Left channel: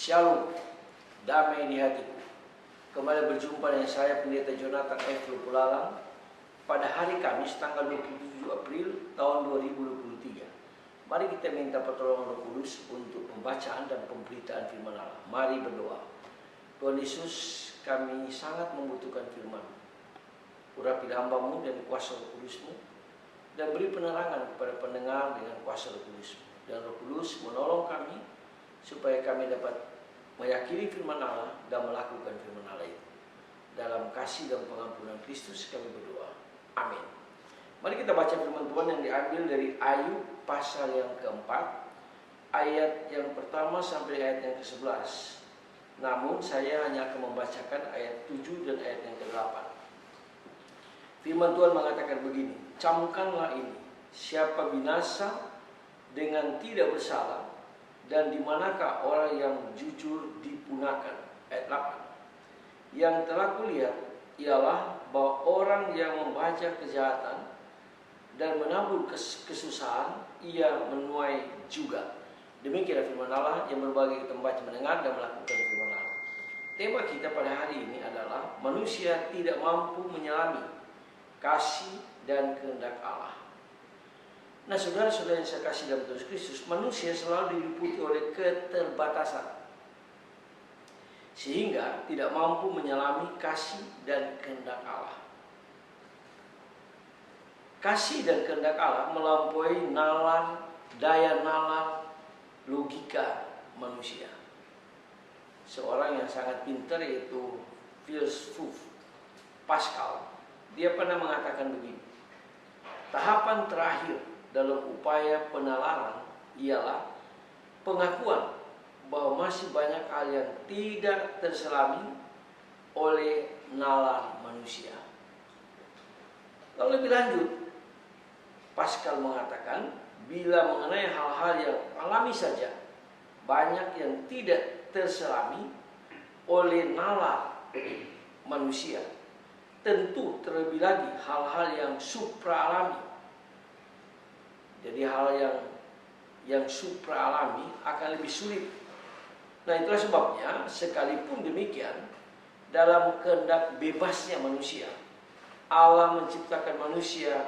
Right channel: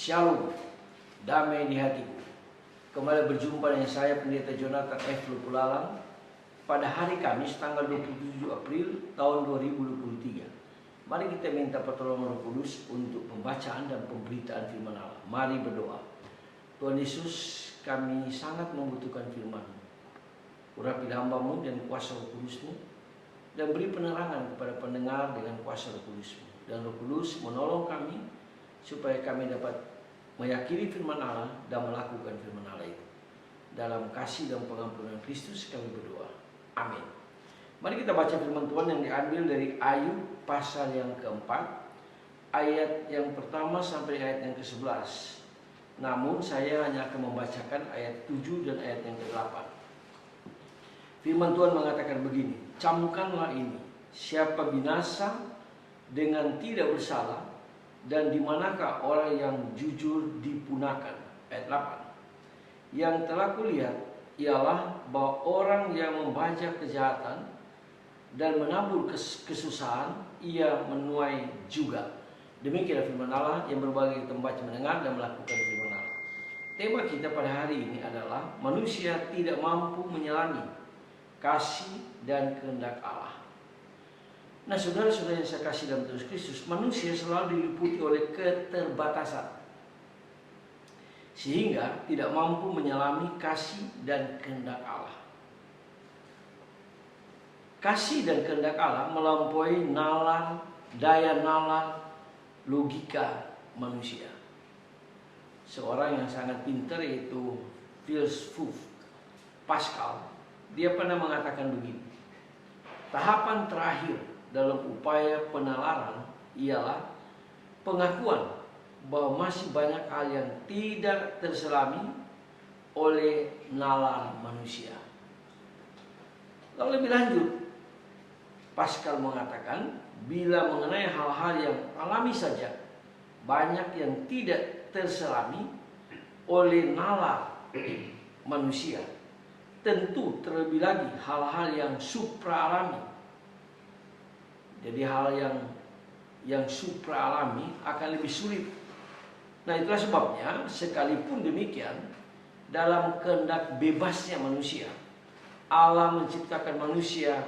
Shalom, damai di hatiku. Kembali berjumpa dengan saya Pendeta Jonathan F. Lupulalang pada hari Kamis tanggal 27 April tahun 2023. Mari kita minta pertolongan Roh Kudus untuk pembacaan dan pemberitaan firman Allah. Mari berdoa. Tuhan Yesus, kami sangat membutuhkan firman-Mu. Urapi hamba-Mu dan kuasa Roh Kudus-Mu, dan beri penerangan kepada pendengar dengan kuasa Roh Kudus-Mu. Dan Roh Kudus menolong kami supaya kami dapat meyakini firman Allah dan melakukan firman Allah itu. Dalam kasih dan pengampunan Kristus kami berdoa. Amin. Mari kita baca firman Tuhan yang diambil dari Ayub pasal yang keempat, ayat yang pertama sampai ayat yang ke-11. Namun saya hanya akan membacakan ayat 7 dan ayat yang ke-8. Firman Tuhan mengatakan begini, camkanlah ini, siapa binasa dengan tidak bersalah, dan di manakah orang yang jujur dipunahkan. Ayat 8. Yang telah kulihat ialah bahwa orang yang membajak kejahatan dan menabur kesusahan, ia menuai juga. Demikianlah firman Allah yang berbagi tempat mendengar dan melakukan firman Allah. Tema kita pada hari ini adalah manusia tidak mampu menyelami kasih dan kehendak Allah. Nah, saudara-saudara yang saya kasih dalam Tuhan Kristus, manusia selalu diliputi oleh keterbatasan, sehingga tidak mampu menyelami kasih dan kehendak Allah. Kasih dan kehendak Allah melampaui nalar, daya nalar, logika manusia. Seorang yang sangat pintar yaitu filsuf Pascal, dia pernah mengatakan begini, tahapan terakhir dalam upaya penalaran ialah pengakuan bahwa masih banyak hal yang tidak terselami oleh nalar manusia. Lalu lebih lanjut, Pascal mengatakan, bila mengenai hal-hal yang alami saja, banyak yang tidak terselami oleh nalar manusia. Tentu terlebih lagi hal-hal yang supra-alami. Jadi hal yang supra-alami akan lebih sulit. Nah, itulah sebabnya sekalipun demikian, dalam kehendak bebasnya manusia, Allah menciptakan manusia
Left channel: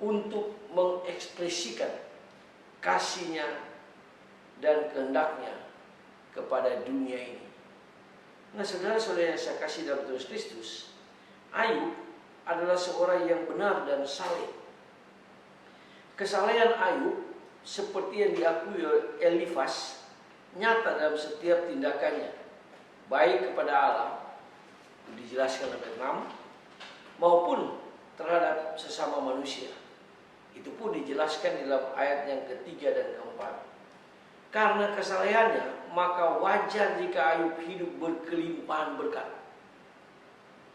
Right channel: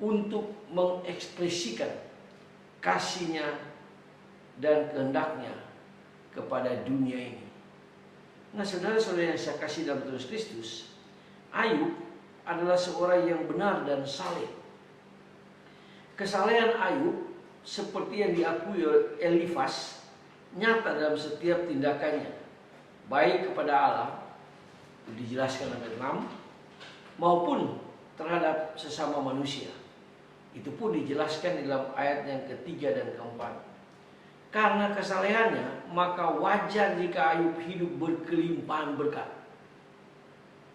untuk mengekspresikan kasih-Nya dan kehendaknya kepada dunia ini. Nah, saudara-saudara yang saya kasih dalam Tuhan Kristus, Ayub adalah seorang yang benar dan saleh. Kesalehan Ayub seperti yang diakui oleh Elifas nyata dalam setiap tindakannya, baik kepada Allah, dijelaskan ayat 6, maupun terhadap sesama manusia. Itu pun dijelaskan dalam ayat yang ketiga dan keempat. Karena kesalehannya, maka wajar jika Ayub hidup berkelimpahan berkat.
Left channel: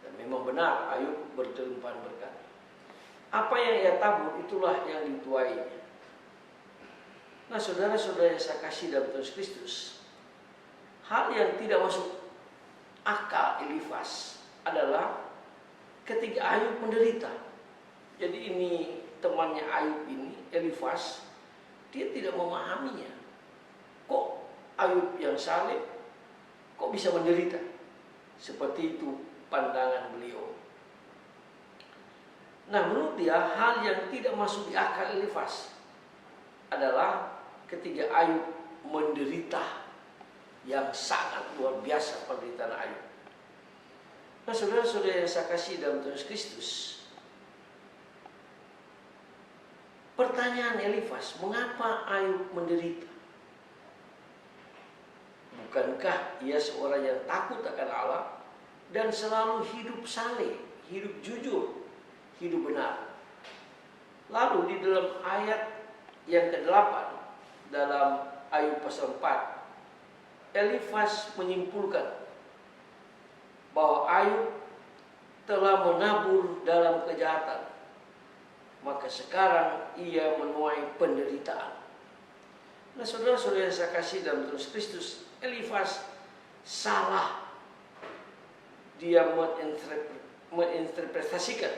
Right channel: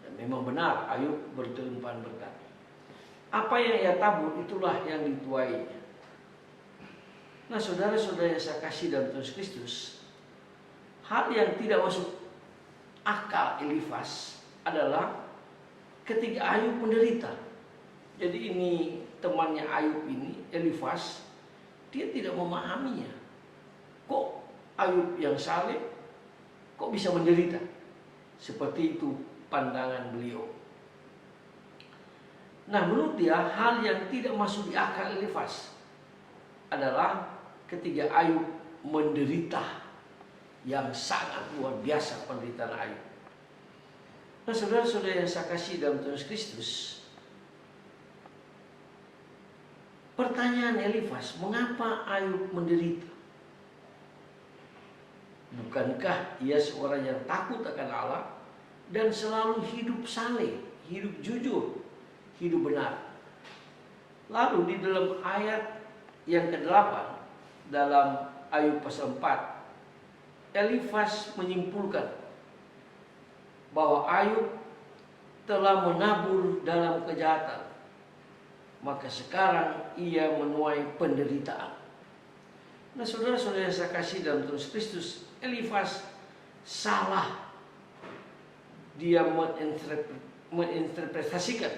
Dan memang benar Ayub berkelimpahan berkat. Apa yang ia tabur, itulah yang dituainya. Nah, saudara-saudara yang saya kasih dalam Tuhan Kristus, hal yang tidak masuk akal Elifas adalah ketika Ayub menderita. Jadi ini temannya Ayub ini, Elifas, dia tidak memahaminya. Kok Ayub yang saleh, kok bisa menderita? Seperti itu pandangan beliau. Nah, menurut dia hal yang tidak masuk di akal Elifas adalah ketika Ayub menderita yang sangat luar biasa penderitaan Ayub. Nah, saudara-saudara yang saya kasih dalam Tuhan Kristus, pertanyaan Elifas, mengapa Ayub menderita? Bukankah ia seorang yang takut akan Allah dan selalu hidup saleh, hidup jujur, hidup benar? Lalu di dalam ayat yang ke-8 dalam Ayub pasal 4, Elifas menyimpulkan bahwa Ayub telah menabur dalam kejahatan, maka sekarang ia menuai penderitaan. Nah, saudara-saudara yang saya kasih dalam Tuhan Kristus, Elifas salah. Dia menginterpretasikan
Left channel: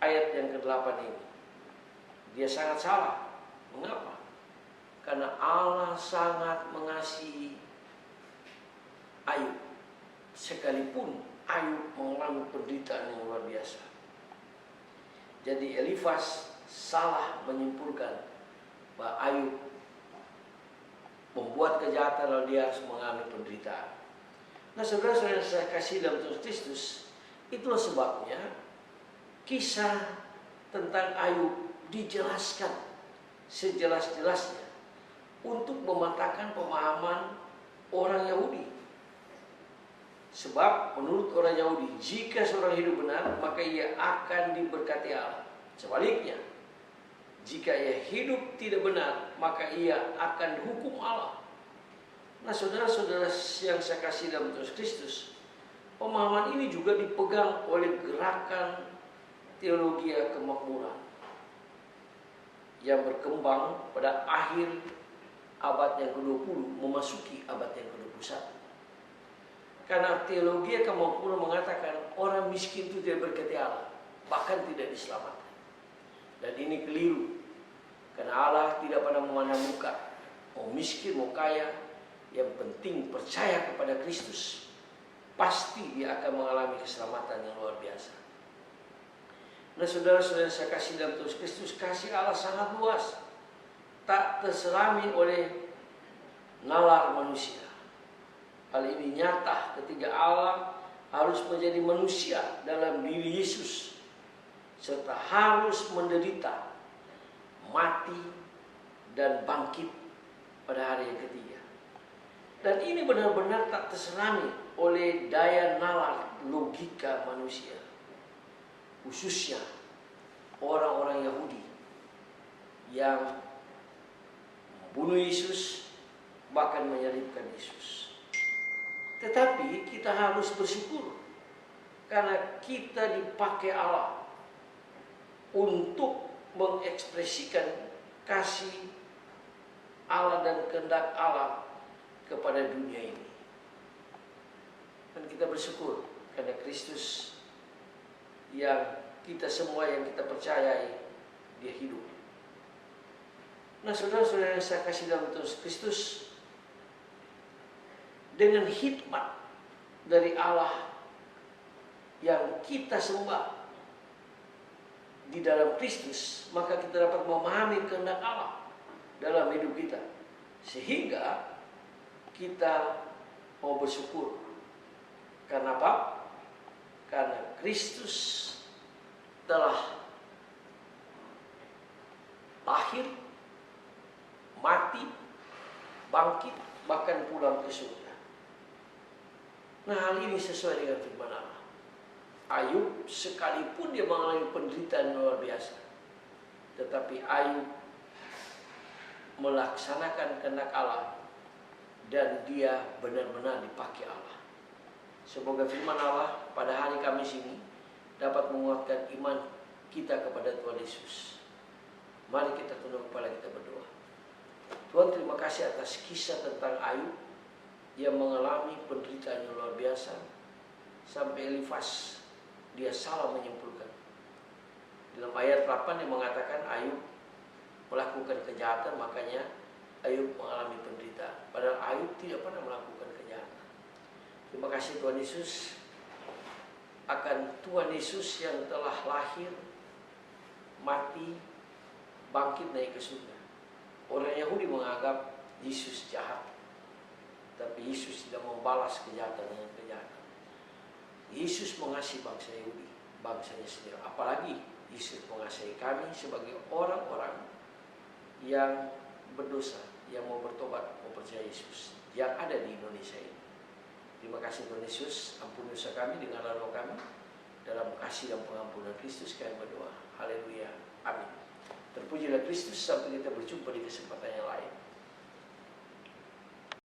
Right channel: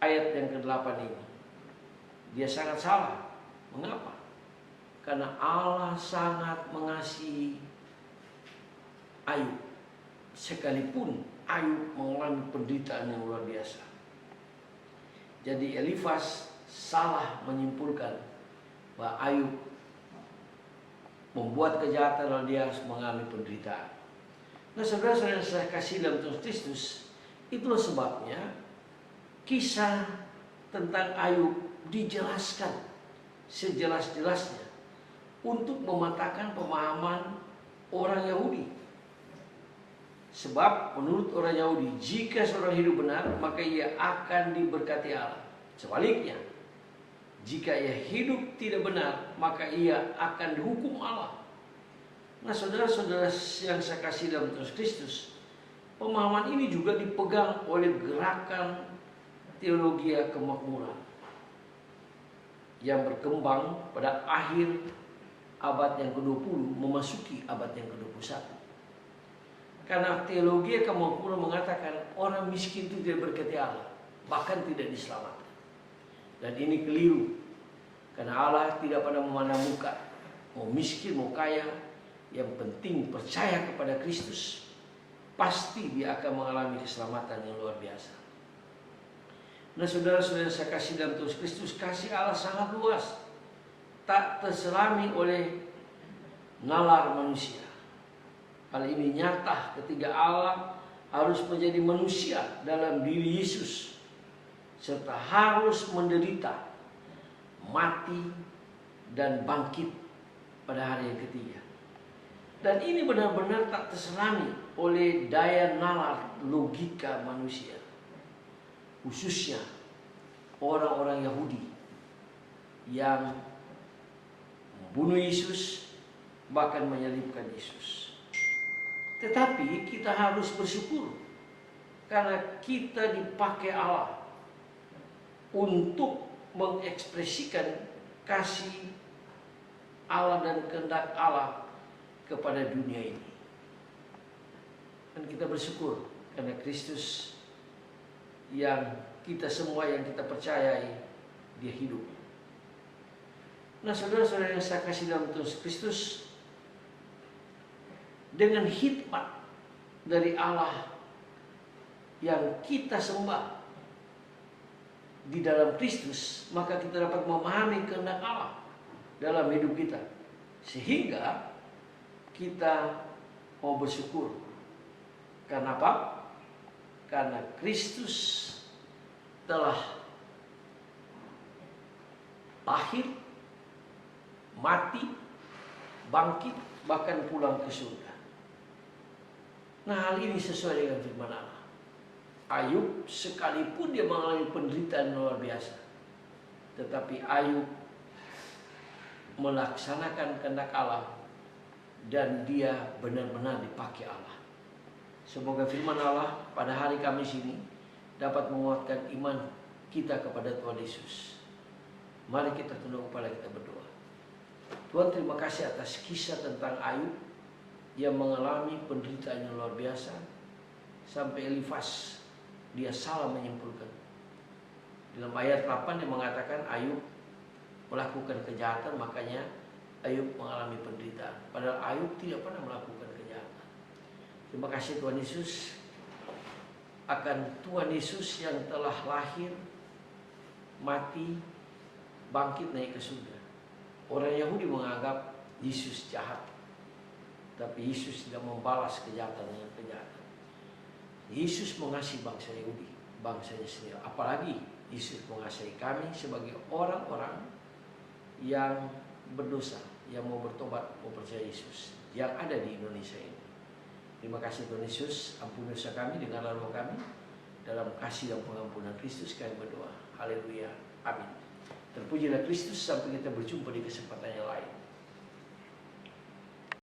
ayat yang ke-8 ini. Dia sangat salah. Mengapa? Karena Allah sangat mengasihi Ayub. Sekalipun Ayub mengalami penderitaan yang luar biasa. Jadi Elifas salah menyimpulkan bahwa Ayub membuat kejahatan lalu dia harus mengalami penderitaan. Nah, saudara-saudara yang saya kasih dalam Tuhan Kristus, itulah sebabnya kisah tentang Ayub dijelaskan sejelas-jelasnya untuk mematahkan pemahaman orang Yahudi. Sebab menurut orang Yahudi, jika seorang hidup benar, maka ia akan diberkati Allah. Sebaliknya, jika ia hidup tidak benar, maka ia akan dihukum Allah. Nah, saudara-saudara yang saya kasih dalam Tuhan Kristus, pemahaman ini juga dipegang oleh gerakan teologi kemakmuran yang berkembang pada akhir abad yang ke-20 memasuki abad yang ke-21. Karena teologi kemakmuran mengatakan orang miskin itu tidak berkati Allah, bahkan tidak diselamatkan. Dan ini keliru. Karena Allah tidak pernah memandang muka, mau miskin mau kaya, yang penting percaya kepada Kristus, pasti dia akan mengalami keselamatan yang luar biasa. Nah, saudara-saudara saya kasih dalam Tuhan Kristus, kasih Allah sangat luas, tak terselami oleh nalar manusia. Hal ini nyata ketika Allah harus menjadi manusia dalam diri Yesus, serta harus menderita, mati, dan bangkit pada hari yang ketiga. Dan ini benar-benar tak terselami oleh daya nalar logika manusia, khususnya orang-orang Yahudi yang membunuh Yesus, bahkan menyalibkan Yesus. Tetapi kita harus bersyukur karena kita dipakai Allah untuk mengekspresikan kasih Allah dan kehendak Allah kepada dunia ini. Dan kita bersyukur karena Kristus yang kita semua yang kita percayai, dia hidup. Nah, saudara-saudara yang saya kasih dalam Tuhan Kristus, dengan hikmat dari Allah yang kita sembah di dalam Kristus, maka kita dapat memahami kehendak Allah dalam hidup kita, sehingga kita mau bersyukur. Karena apa? Karena Kristus telah lahir, mati, bangkit, bahkan pulang ke surga. Nah, hal ini sesuai dengan firman Allah. Ayub sekalipun dia mengalami penderitaan luar biasa, tetapi Ayub melaksanakan kehendak Allah dan dia benar-benar dipakai Allah. Semoga firman Allah pada hari Kamis ini dapat menguatkan iman kita kepada Tuhan Yesus. Mari kita tunduk kepala, kita berdoa. Tuhan, terima kasih atas kisah tentang Ayub yang mengalami penderitaan yang luar biasa sampai Elifas dia salah menyimpulkan. Dalam ayat 8 dia mengatakan Ayub melakukan kejahatan, makanya Ayub mengalami penderitaan. Padahal Ayub tidak pernah melakukan kejahatan. Terima kasih Tuhan Yesus akan Tuhan Yesus yang telah lahir, mati, bangkit, naik ke surga. Orang Yahudi menganggap Yesus jahat, tapi Yesus tidak membalas kejahatan dengan kejahatan. Yesus mengasihi bangsa Yahudi, bangsanya sendiri. Apalagi Yesus mengasihi kami sebagai orang-orang yang berdosa, yang mau bertobat, mau percaya Yesus, yang ada di Indonesia ini. Terima kasih Tuhan Yesus, ampuni dosa kami, dengarlah doa kami. Dalam kasih dan pengampunan Kristus kami berdoa. Haleluya, amin. Terpujilah Kristus, sampai kita berjumpa di kesempatan yang lain.